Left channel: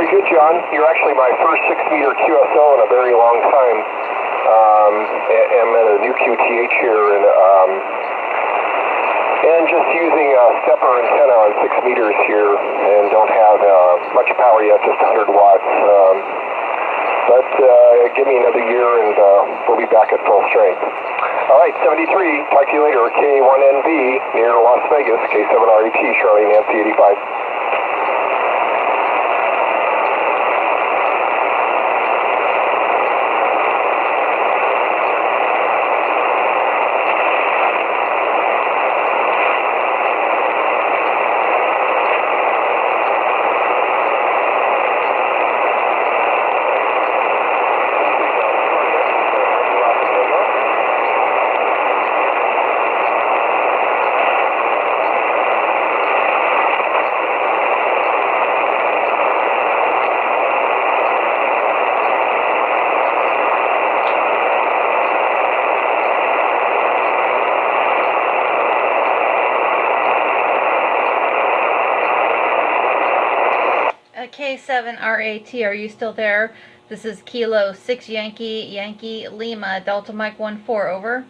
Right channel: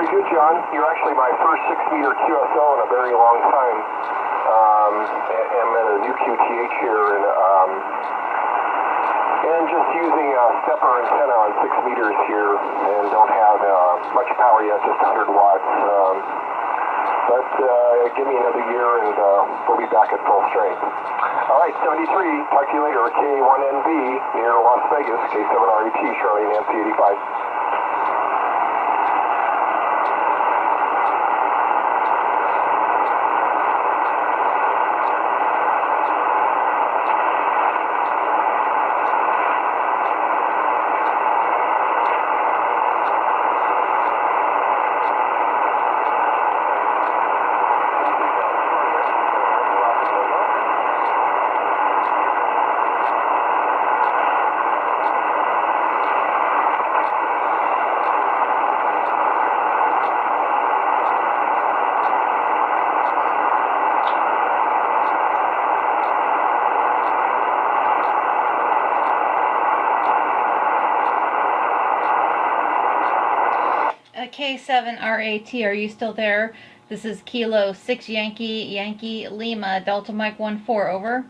Very good, John. You're actually my first 6-meter QSO in a very long time. I'm at a new QTH here, and just using a stepper antenna on 6 meters here, and don't have much power yet, just 100 watts. But give me another year, and we'll be back at full strength. All right, 73. Talk to you later. K1NV near Las Vegas. K7RET, Charlie Nancy 85. K7RAT, are you still there? This is Kilo 6 Yankee Lima, Delta Mike 14, over.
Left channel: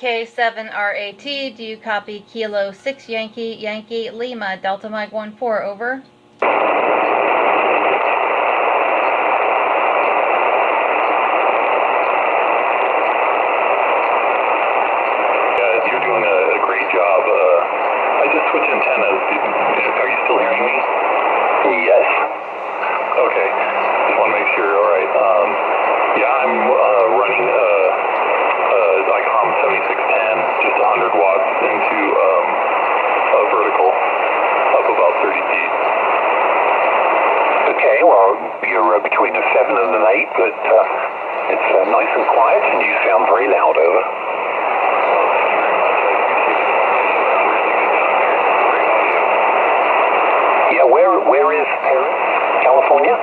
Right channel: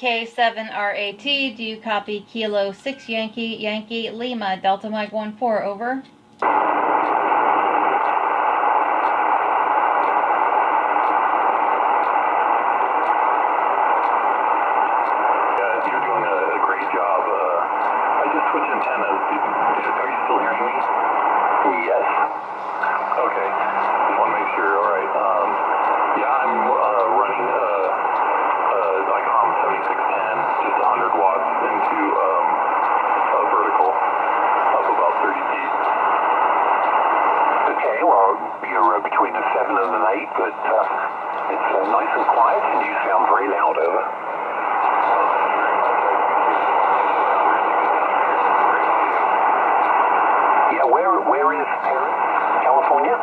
K7RAT, do you copy Kilo 6 Yankee Lima, Delta Mike 14, over? You're doing a great job. I just switched antennas. Are you still hearing me? Yes. Okay. Just want to make sure. All right. Yeah, I'm running ICOM 7610, just 100 watts into a vertical up about 30 feet. Okay, well, you're between a 7 and an 8, but it's nice and quiet, and you sound very loud, over. Yeah, where is Paris, California?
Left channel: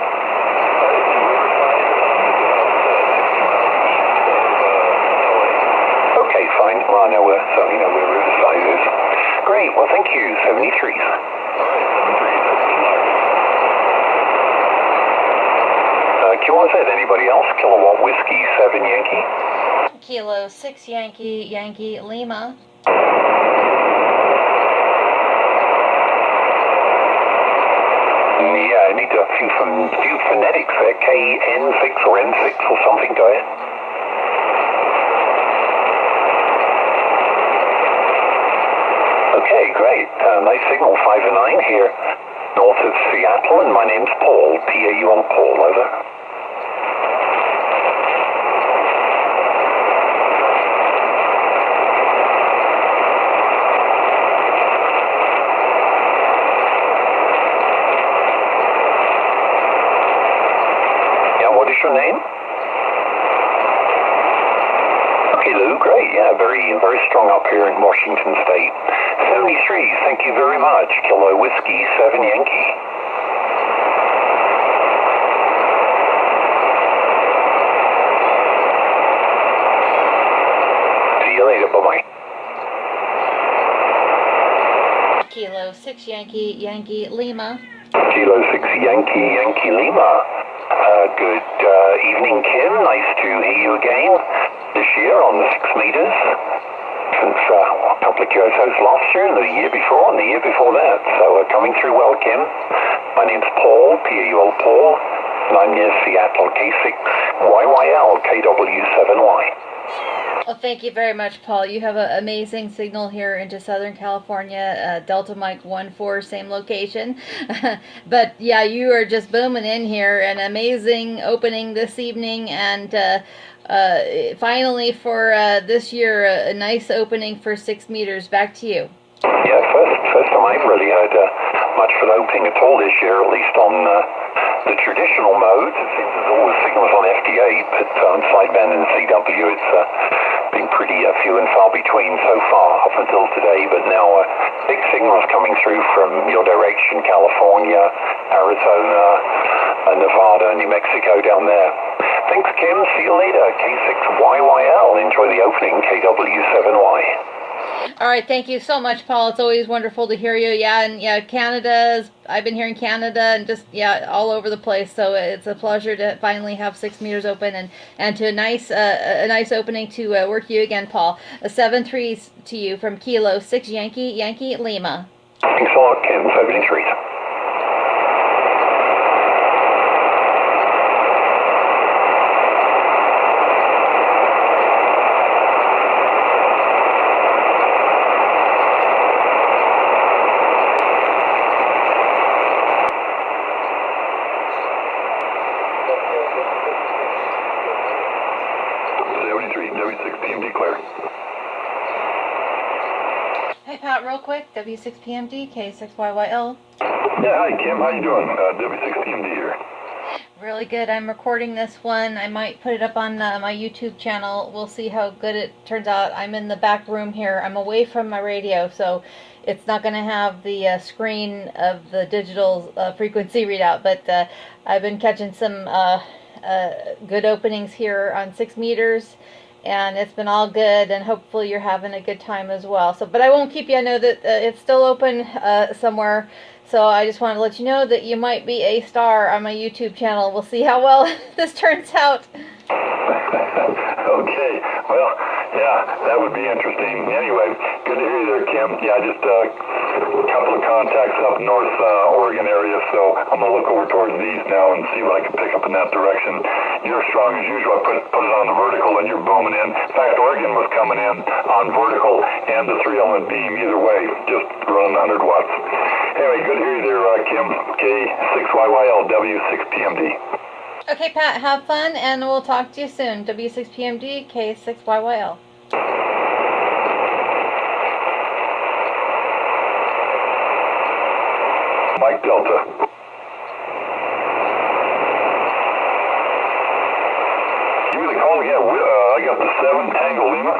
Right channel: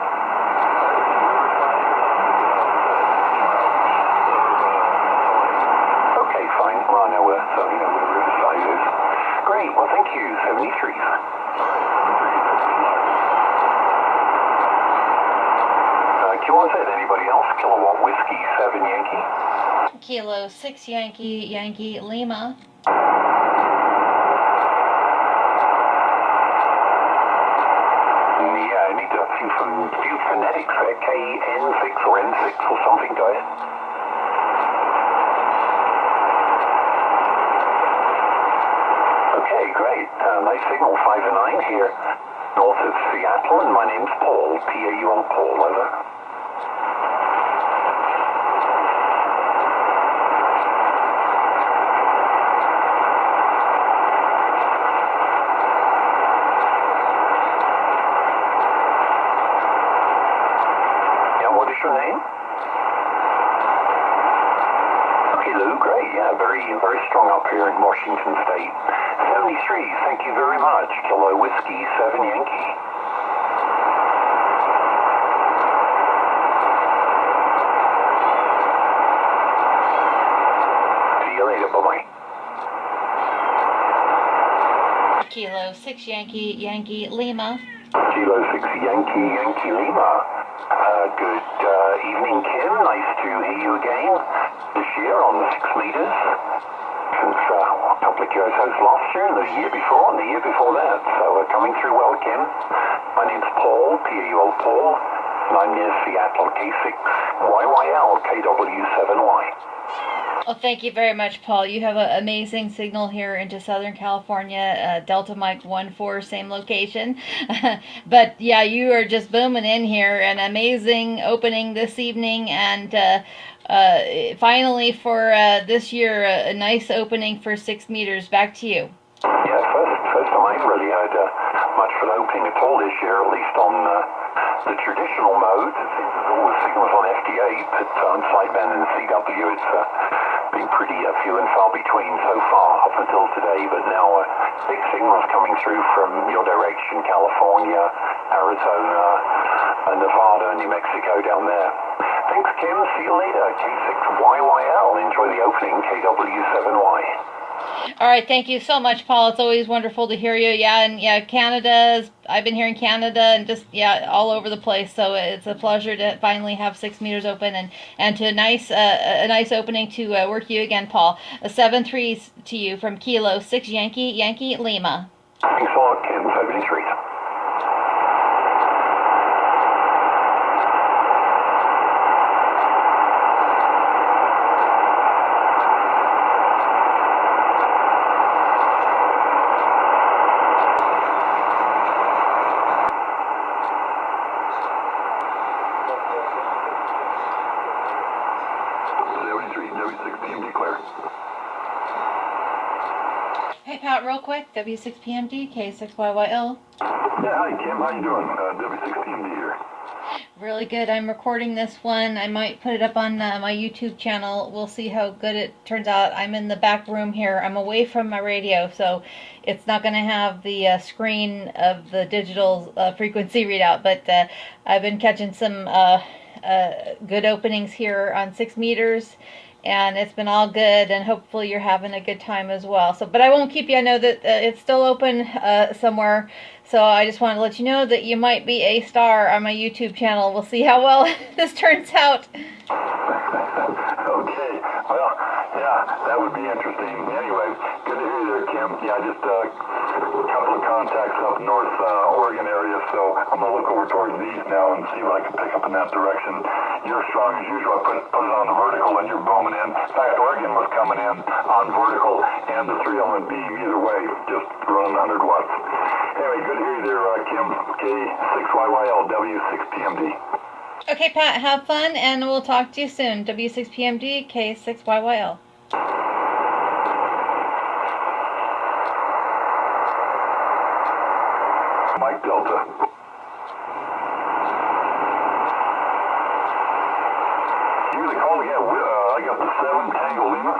Okay, fine. Well, I know certainly know where Riverside is. Great, well, thank you, 73. Do you want to say to anybody else? Kilowatt Whiskey 7 Yankee. Kilo 6 Yankee Lima. Yeah, I need a few phonetics there. KN6 or N6 or something, do you? Okay, great. Nice signal, 5 and 9 here, north of Seattle, and my name's Paul, P-A-U-L, Paul, over. What is your name? Okay, Lou, great. Yeah, very strong up here in Washington State. 73, thank you very much. Kilo Whiskey 7 Yankee. See you later, bye-bye. Kilo 6 Yankee Lima. Kilo 6 Yankee Lima. Good evening, Kim. Nice to hear you again this year on the 6 meters. Since a couple of QSOs last year and the year before and the year before that. So coming through well, Kim. My name's Paul, P-A-U-L, Paul, and I'm near Seattle, K6YYL, KW7Y. Well, thank you very much, Paul. You have an amazing signal here into Southern California, Delta Mike 14, same location. But yeah, you are just booming in here. An amazing opening this evening, and finally for this year, a nice opening for 6 meters. Back to you. Yeah, first time I've really heard much for an opening at all this year, at least on the traditional mode. It seems there's always signals on FD8, but on sideband and CW, it's been delay, but now big signals coming through from your direction, California, Arizona, Nevada, New Mexico down there. Thanks, Kim. See you later. K6YYL. Enjoy the opening, KW7Y. All right, thank you so much, Paul. It's always wonderful to hear you. Yeah, and yeah, I've been hearing Canada and just, yeah, all over the place. So it's a pleasure to finally have 6 meters open and to a nice opening to work you again, Paul. 7-3 to you from Kilo 6 Yankee Lima. Thanks a lot, Kim. 73. W6PMD clear. Hey, Pat, real quick, W6PMD, K6YYL. Yeah, hi Kim, how you doing? W6PMD here. Really good. I'm recording this one. I might put it up on my YouTube channel. We'll see how good it turns out. I'm in the back room here. I'm away from my radio, so it's not going to have the screen of the digital frequency readout, but I've been catching some good openings here on 6 meters, and it's been all good, and hopefully you're having a good time as well. So, but I won't keep you. I know that it's still open somewhere, so I just want to let you know that you might be a star on my YouTube channel. We'll see how well this turns out. Okay, well, yeah, that would be interesting. Anyway, good to hear you there, Kim. Yeah, just a couple of contacts up north Oregon area, so I'm going to look over towards these now and see what I can pick up in that direction. You're strong as usual. I put it on the vertical and you're booming in. In fact, Oregon was coming in on vertical and the 3-element beam either way, just running 100 watts. Anyway, good to hear you there, Kim. K6YYL, W6PMD. Okay, Pat, have fun, and we'll talk to you soon. W6PMD, K6YYL. Mike Delta. Give me the call again. I got the 7 Tango Lima.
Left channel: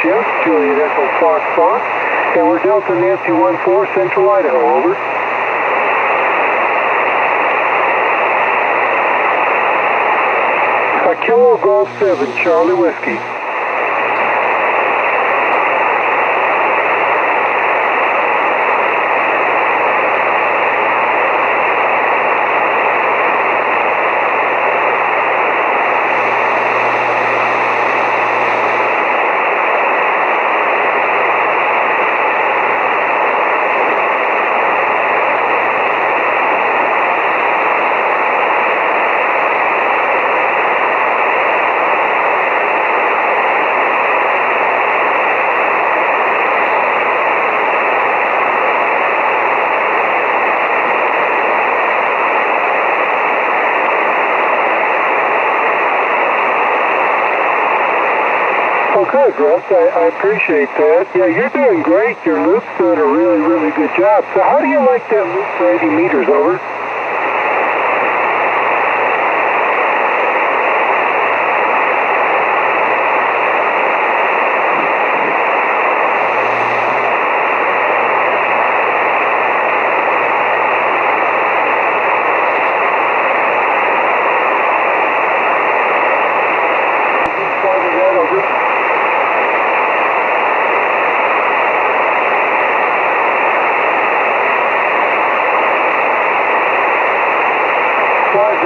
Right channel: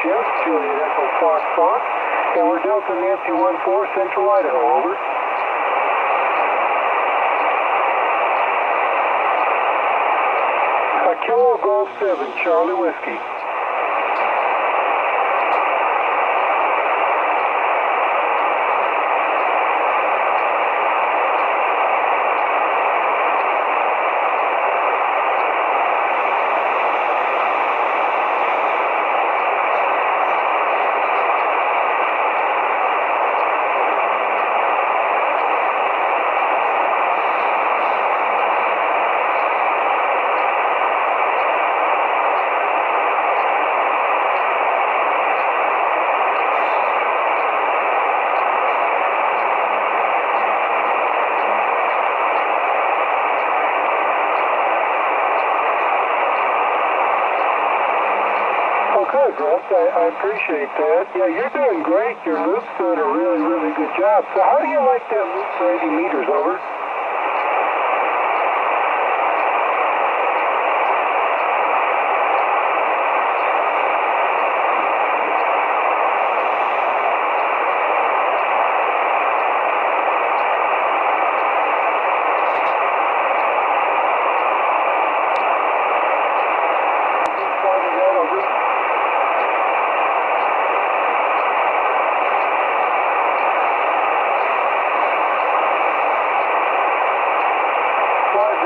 Jeff, Juliet Echo Fox, and we're Delta Nancy 14, Central Idaho, over. Kilo Golf 7, Charlie Whiskey. Okay, Grant, I appreciate that. Yeah, you're doing great. Your loop's doing a really, really good job. So how do you like that loop for 80 meters, over?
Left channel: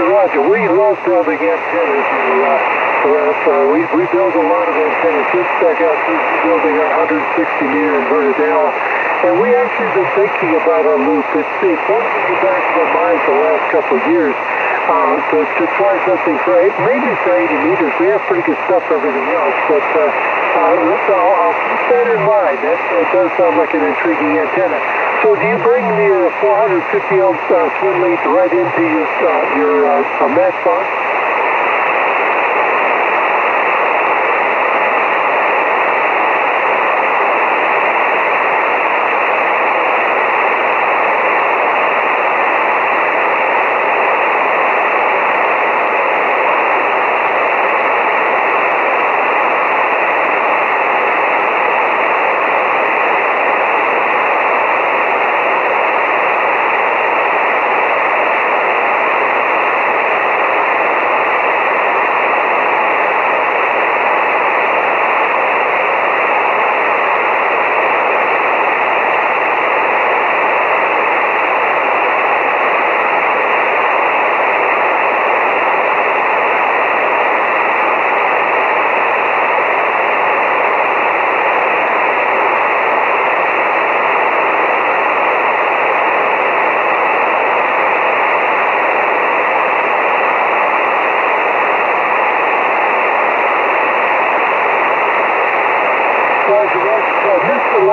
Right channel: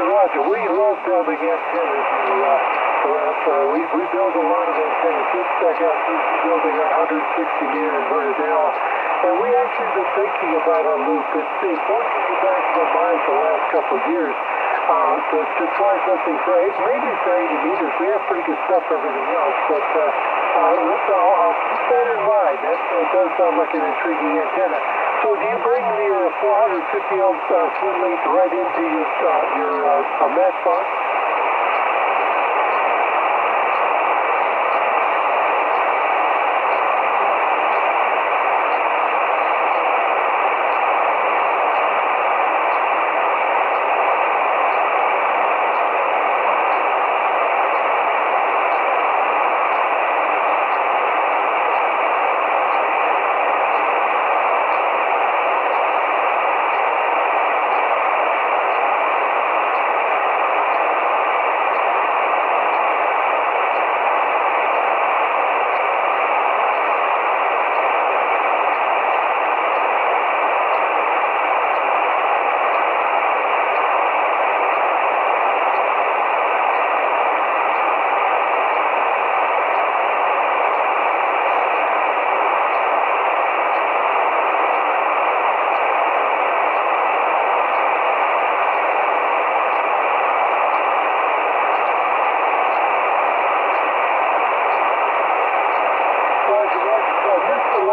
Roger. We love building antennas. We build a lot of antennas. Just back out building a 160 meter inverted L. And we actually been thinking about our loop. It's one thing in the back of our minds the last couple of years to try something for maybe for 80 meters. We have pretty good stuff for everything else, but I'll keep that in mind. That does sound like an intriguing antenna. So do you bring the 450 ohm swim lead right into your match box?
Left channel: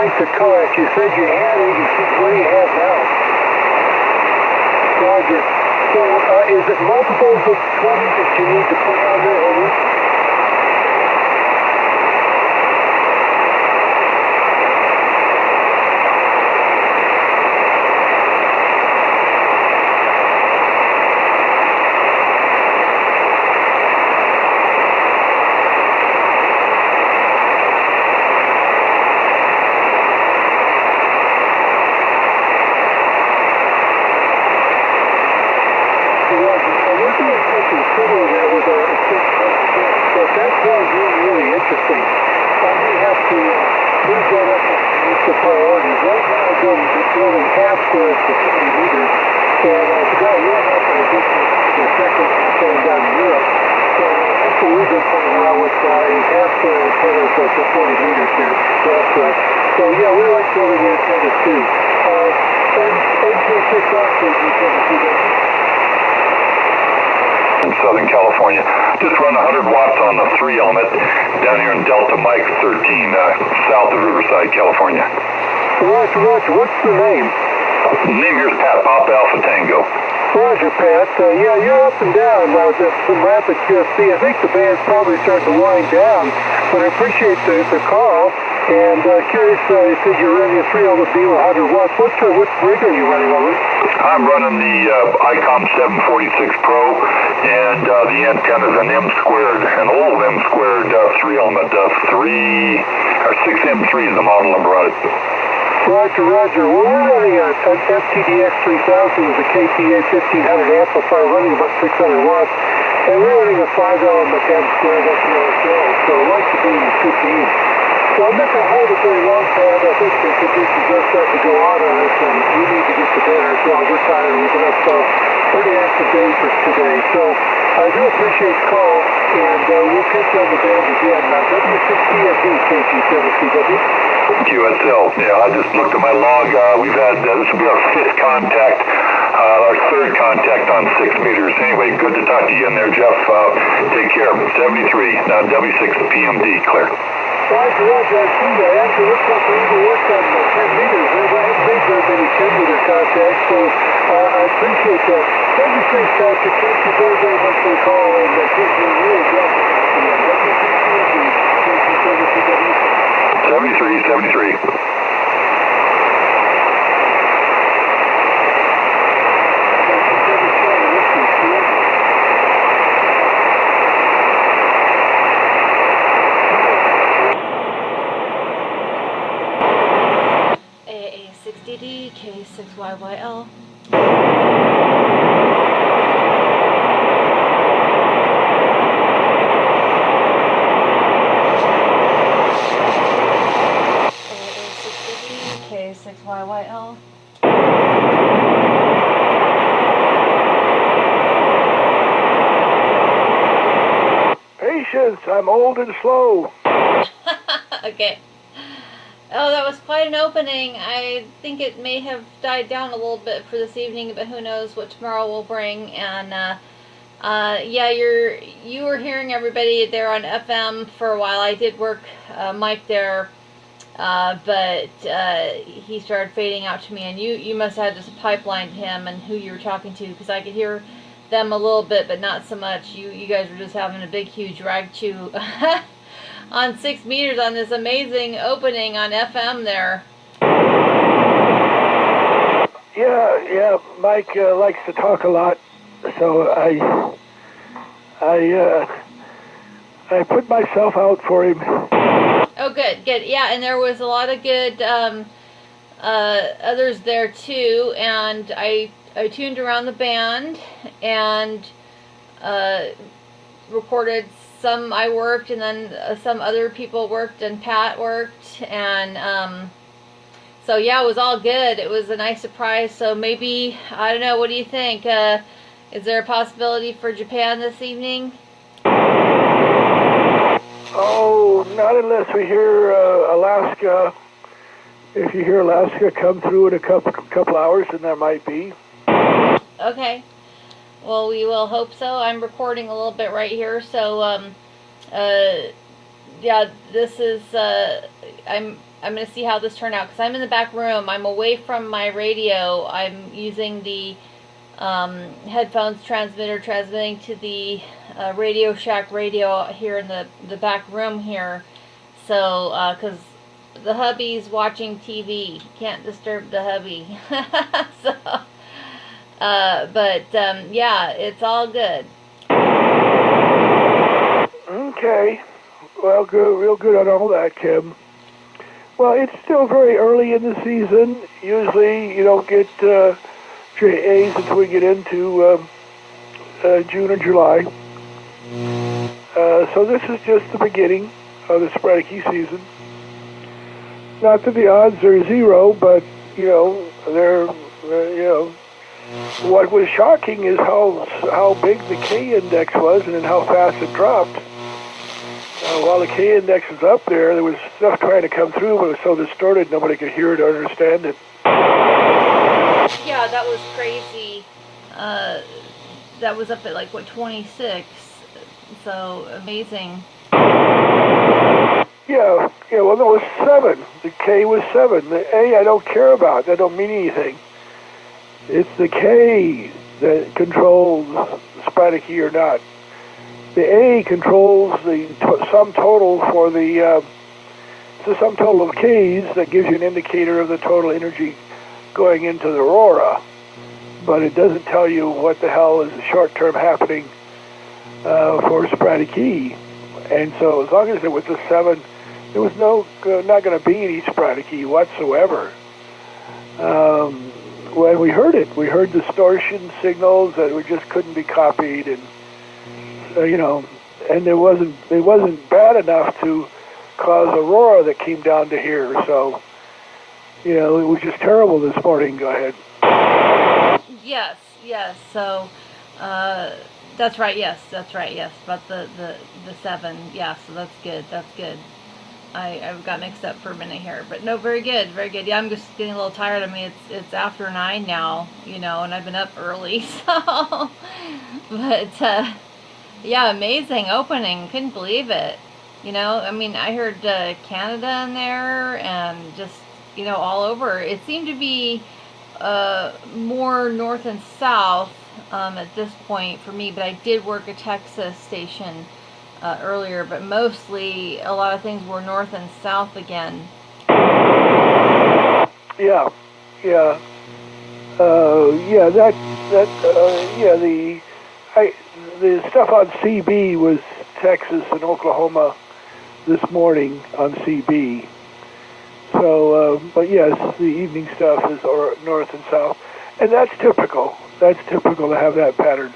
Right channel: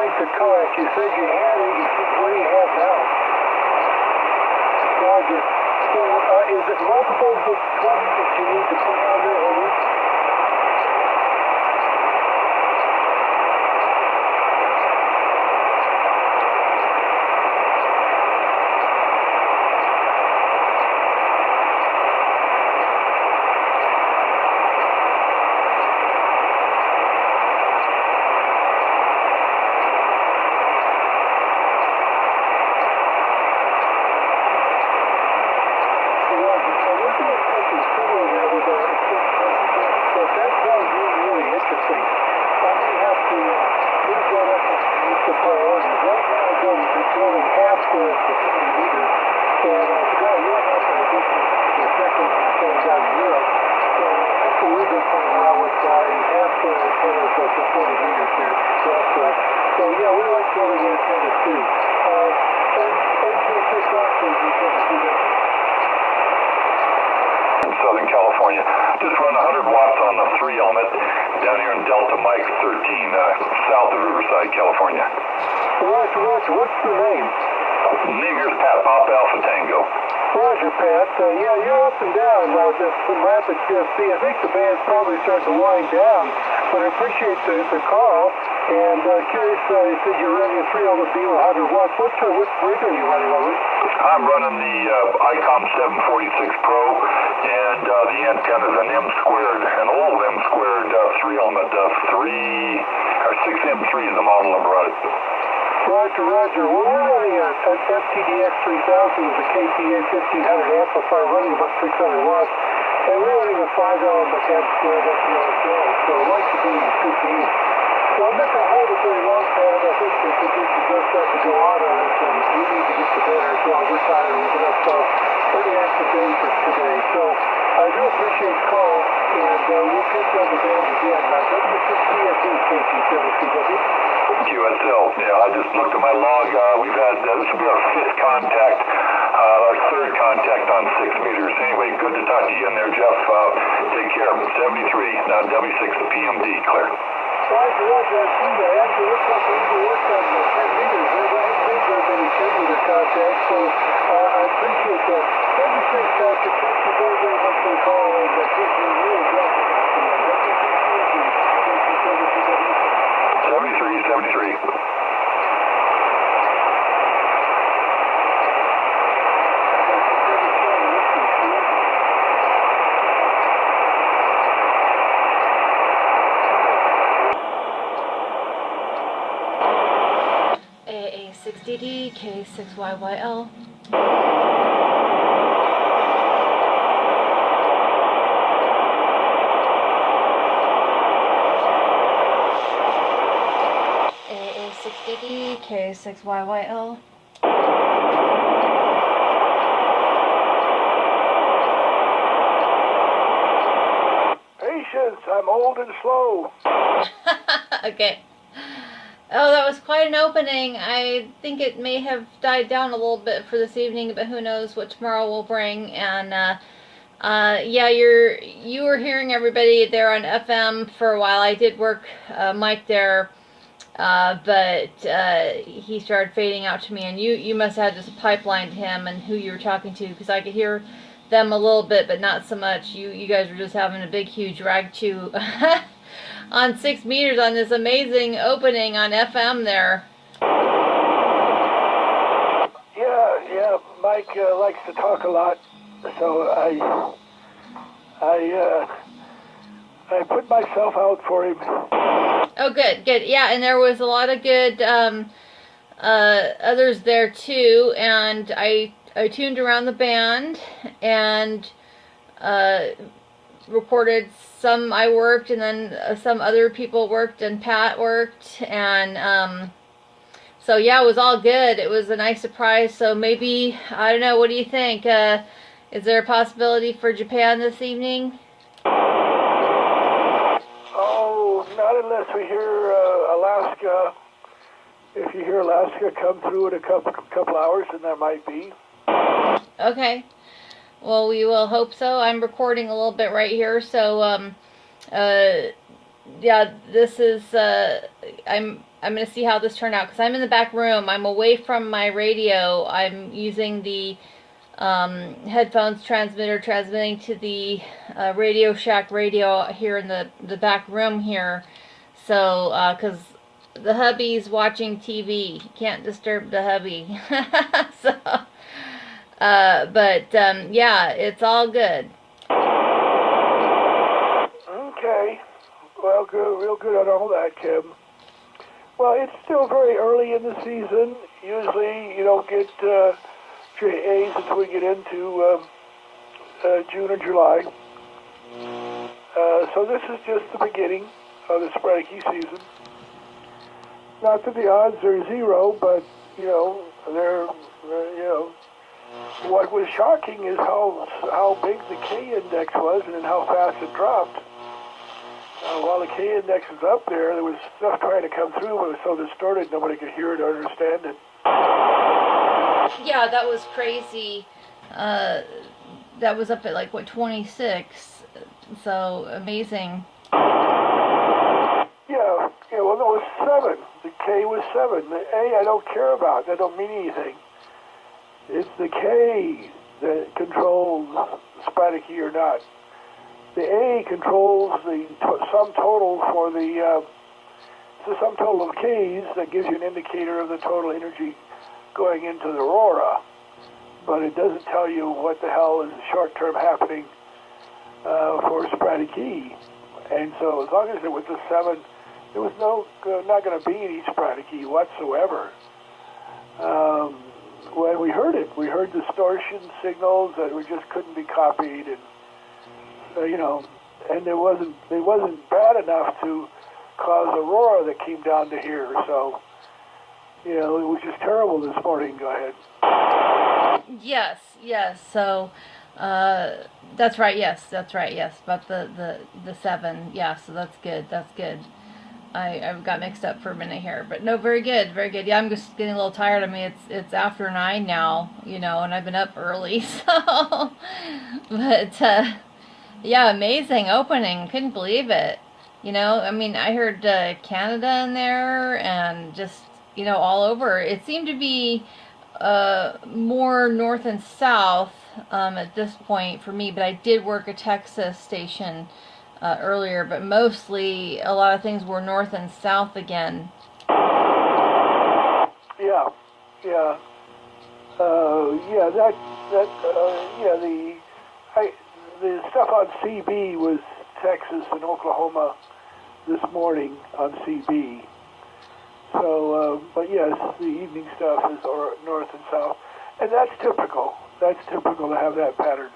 To kayak, you said you had 86. What do you have now? Roger. So, is it multiples of 20 that you need to put on there, over? So yeah, we like building antennas too. In Southern California, just run 100 watts on the 3 element down here in Delta Mike 13, south of Riverside, California. Roger, what's the name? The name here is Pat, Papa Alpha Tango. Roger, Pat. Yeah, you're up and down. There's some rapid QSC. I think the band's probably starting to wind down, but I appreciate the call. And curious, you said you're running a 3 element beam 100 watts. What rig are you running over? I'm running the ICOM 746 Pro, and the antenna is an M squared, an old M squared 3 element, 6M3 is the model number on it. Roger. Well, we're running an FTDX 3000 with a KTA 1500 amplifier running about 600 watts, and we're running a 5 element M squared up here ourselves, so I'd like to be in the 15. So I'm not going to hold it very long, Pat. I think the conditions are starting to go out on us, and we need to get to bed ourselves. We're tired. We've been up pretty active day for today. So I do appreciate the call, and we'll catch you on the band again. W6PFD, KG7CW. QSL. Yeah, I just looked at my log. We've had, this will be our 5th contact, our 3rd contact on 6 meters. Anyway, good to talk to you in there, Jeff. Take care. 73, W6PMD, clear. Roger, I see that. Actually, looks like we even worked on 10 meters. We haven't made very many 10-meter contacts, so I appreciate that. Thank you, Patrick. Thank you very, very much for the call, and thank you really glad to 73. AA6DD K6YYL. AA6DD K6YYL. Patience, I'm old and slow. Okay. Oh, that was quite an opening. I think it may have died down a little bit for this evening, but who knows what tomorrow will bring. And yeah, you were hearing everybody there on FM for a while. I did work Mike there But he started fading out to me, and you must have just pipelined him and who you were talking to, because I could hear them a little bit, but not so much. You guys were just having a big, huge rag chew on 6 meters on this amazing opening on FM there. Yeah, Mike likes to talk a lot, so I put myself out for him. Oh, good. Yeah, and there was a lot of good others there too, and I tuned around the band and recorded some. I worked, and then some other people worked, and Pat worked, and so yeah, it was all good. It was a nice surprise. So maybe, I don't know, what do you think? Is there a possibility for Japan this evening? Oh, not unless we hear Alaska. If you hear Alaska come through in a couple hours, then there might be. Okay. Well, we will hope so. I'm recording a little bit right here, so yeah, this is I'm going to see how this turned out, because I'm in the back room. I'm away from my radio. I'm using the headphones transmitter, transmitting to the Radio Shack radio here in the back room here. So, because the hubby's watching TV, can't disturb the hubby. So, but yeah, it's all good. Okay. Well, good, real good on all that, Kim. Well, it's still very early in the season. Usually, you don't get JAs until we get into June or July. So this is just the beginning of the sporadic season. Not that the odds are zero, but they're what was shocking is how big the K index was, and then how fast it dropped. While the K index was up there was stuff trying to come through, but it was so distorted nobody could hear it or understand it. Yeah, that was crazy. That was up at like, what, 26? So amazing. Yeah, well, no, it was 7. The K was 7. The A I don't care about. That don't mean anything. It's the K that controls sporadic or not. The A controls the sum total for the sum total of Ks that gives you an indicator of the total energy going into the aurora, but it doesn't tell you what the hell is short-term happening for sporadic E. And so as long as it was a 7, there was not going to be any sporadic E whatsoever. When we heard it, we heard distortion signals that we just couldn't be copied, and and it wasn't bad enough to cause aurora that came down to here. So, it was just terrible this morning. Go ahead. Yes. So, that's right. Yes. But the 7. Yeah. So that's good. I got mixed up for a minute here, but no, very good. Yeah, I'm just getting a little tired. I mean, it's after 9 now, and I've been up early, so. But yeah, amazing opening. Couldn't believe it. I mean, I heard Canada in there, and just all over. It seemed to be more north and south at this point for me, but I did work a Texas station earlier, but mostly a lot of things were north and south again. Yeah. The stuff on CB was Texas and Oklahoma this morning on CB. So, but yes, the evening stuff is north and south, and that's typical. That's typical to have that pattern.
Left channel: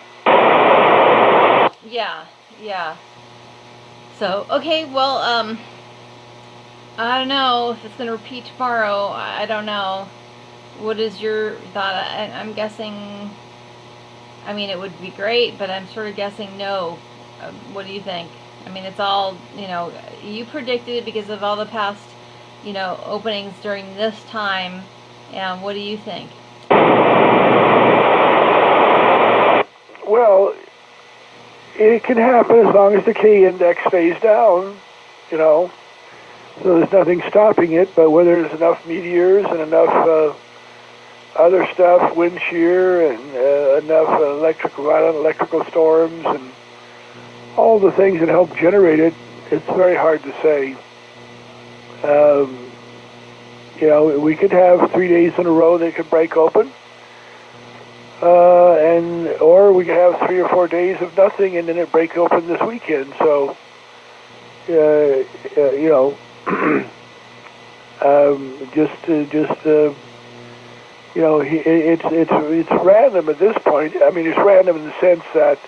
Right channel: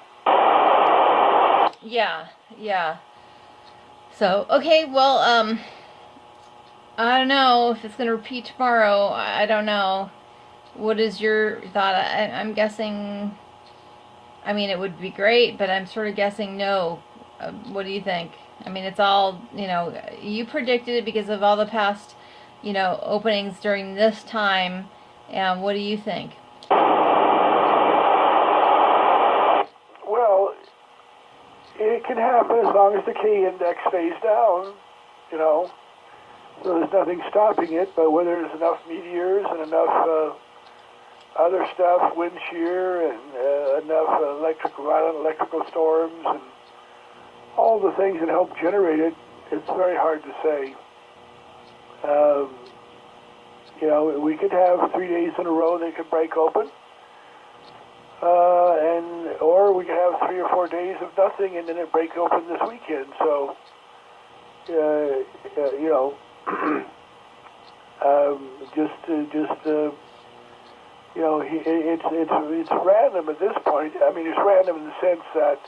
Yeah. So, okay, well, I don't know if it's going to repeat tomorrow. I don't know. What is your thought? I'm guessing, I mean, it would be great, but I'm sort of guessing no. What do you think? I mean, it's all, you predicted it because of all the past, openings during this time. And what do you think? Well, it can happen as long as the K index stays down, So there's nothing stopping it, but whether there's enough meteors and enough other stuff, wind shear, and enough violent electrical storms, and all the things that help generate it, it's very hard to say. You know, we could have 3 days in a row they could break open, or we could have 3 or 4 days of nothing and then it break open this weekend. So, you know, you know, it's random at this point. I mean, it's random in the sense that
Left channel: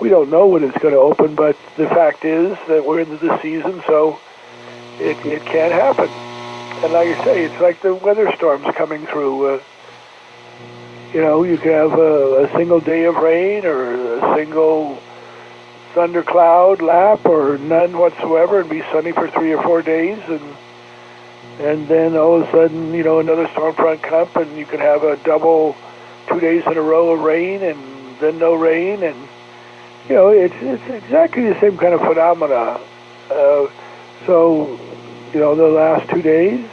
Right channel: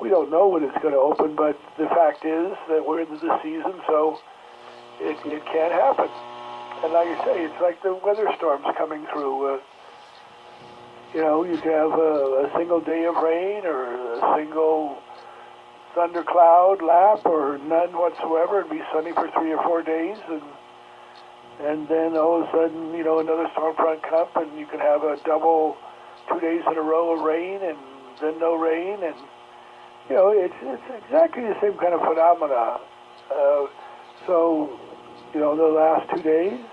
we don't know when it's going to open, but the fact is that we're into the season, so it can happen. And like I say, it's like the weather storms coming through. You know, you can have a single day of rain or a single thundercloud lap or none whatsoever and be sunny for 3 or 4 days, and then all of a sudden, you know, another storm front comes and you can have a double 2 days in a row of rain and then no rain, and you know, it's exactly the same kind of phenomena. So, you know, the last 2 days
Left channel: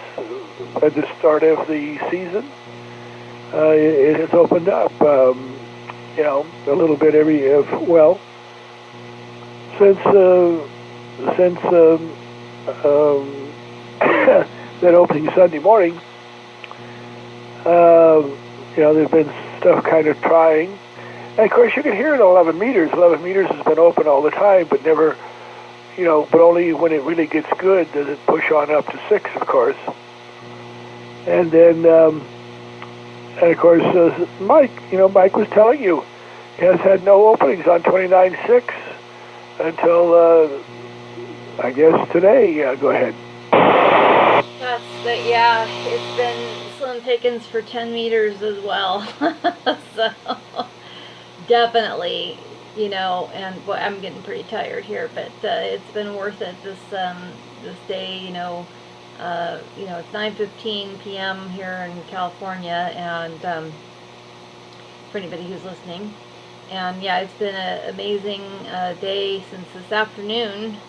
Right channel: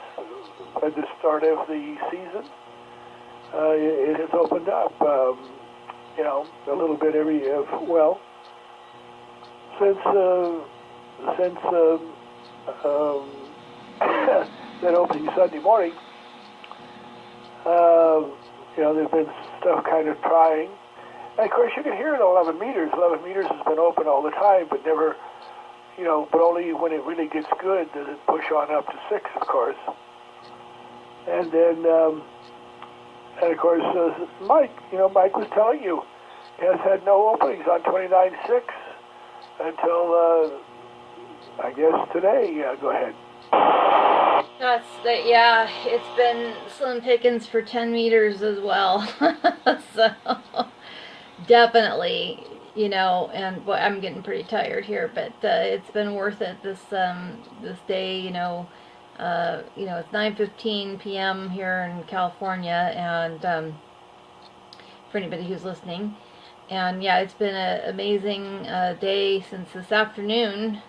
at the start of the season, it has opened up, you know, a little bit since that opening Sunday morning, you know, there's been stuff kind of trying. And of course, you can hear it at 11 meters. 11 meters has been open all the time, but never, you know, but only when it really gets good does it push on up to 6, of course. And then, and of course, Mike was telling you, he has had no openings on 29.6 until, I guess, today. Yeah, go ahead. Yeah, it's been slim pickings for 10 meters as well. So, definitely, you know, and boy, I'm getting pretty tired here, but it's been worth it this day, you know. It's 9:15 p.m. here in California, and for anybody who's listening. And yeah, it's been an amazing day since this afternoon,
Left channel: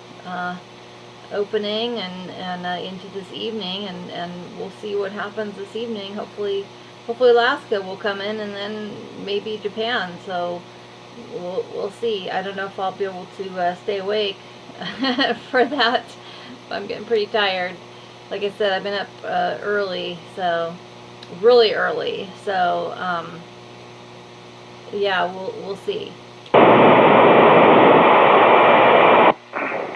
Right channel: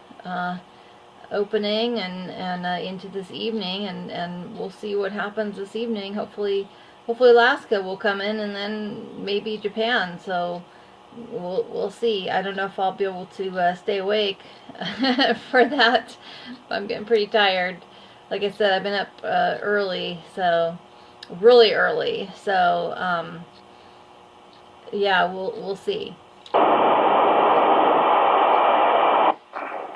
opening and into this evening, and we'll see what happens this evening. Hopefully Alaska will come in, and then maybe Japan. So we'll see. I don't know if I'll be able to stay awake for that. I'm getting pretty tired. Like I said, I've been up early, so really early. So yeah, we'll see.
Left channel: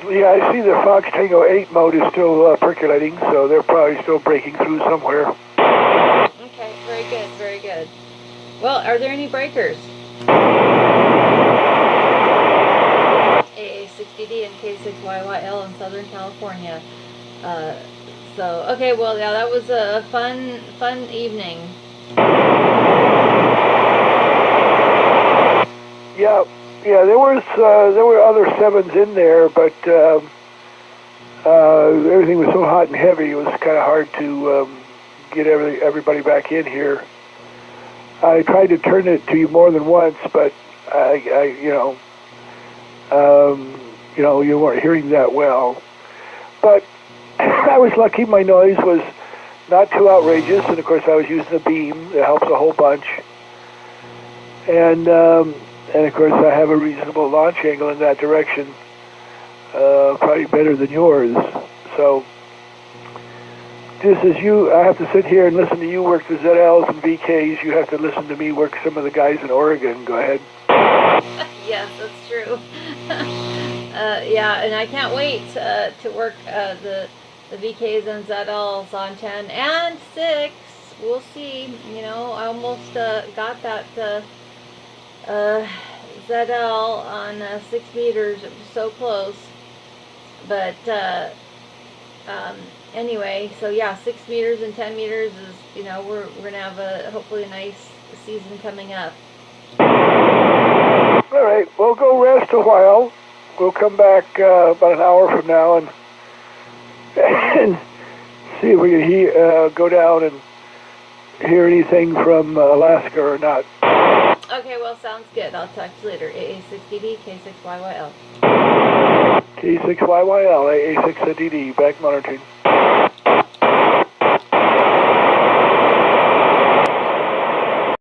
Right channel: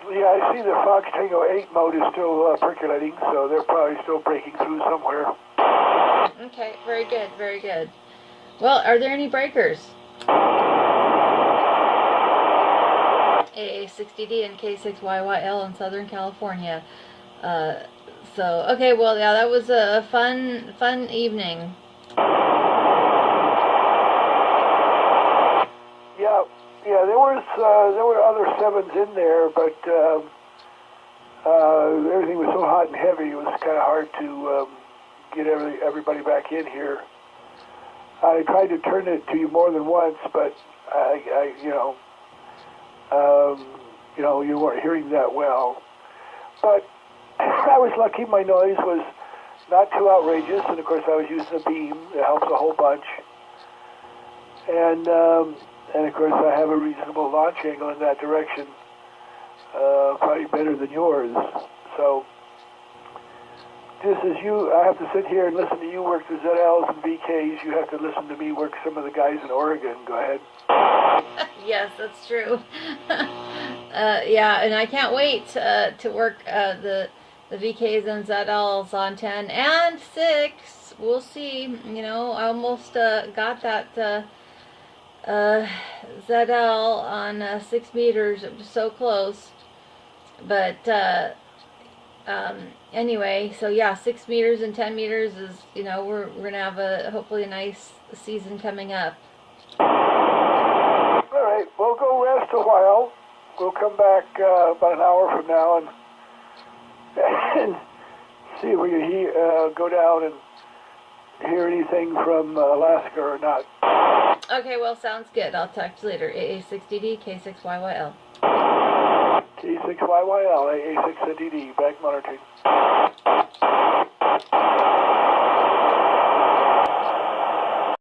Yeah, I see the Fox Tango 8 mode is still percolating, so they're probably still breaking through somewhere. Okay, very good, very good. Well, are there any breakers? AA60D and K6YYL in Southern California. Okay, well, yeah, that was a fun evening. Yeah, there were other 7s in there, but everything was so hot and heavy, it was kind of hard to get everybody back in here. I tried to turn it to you more than once, but you weren't hearing that well. But I was lucky; my noise was not too outrageous, and of course I was using a beam that helps a whole bunch. And of course I have a reasonable launch angle in that direction, probably better than yours. So just as I have to sit here and listen to you work the ZLs and VKs, you have to listen to me work some of the guys in Oregon. Go ahead. Yes, that's true. Yeah, and I can't wait to work the VKs and ZLs on 10 and 6. We'll see. You know, I almost got that ZL on 6 meters. It was so close. But anyway, so yeah, 6 meters and 10 meters is, you know, we're gonna have hopefully a nice season coming up. All right, we'll go rest a while. We'll come back about an hour from now and see if we can go down and hear anything from Alaska or not. Okay, well, sounds good. I'll talk to you later. AA60D, K6YYL. Okay. E6YYL, A6DD, back monitoring.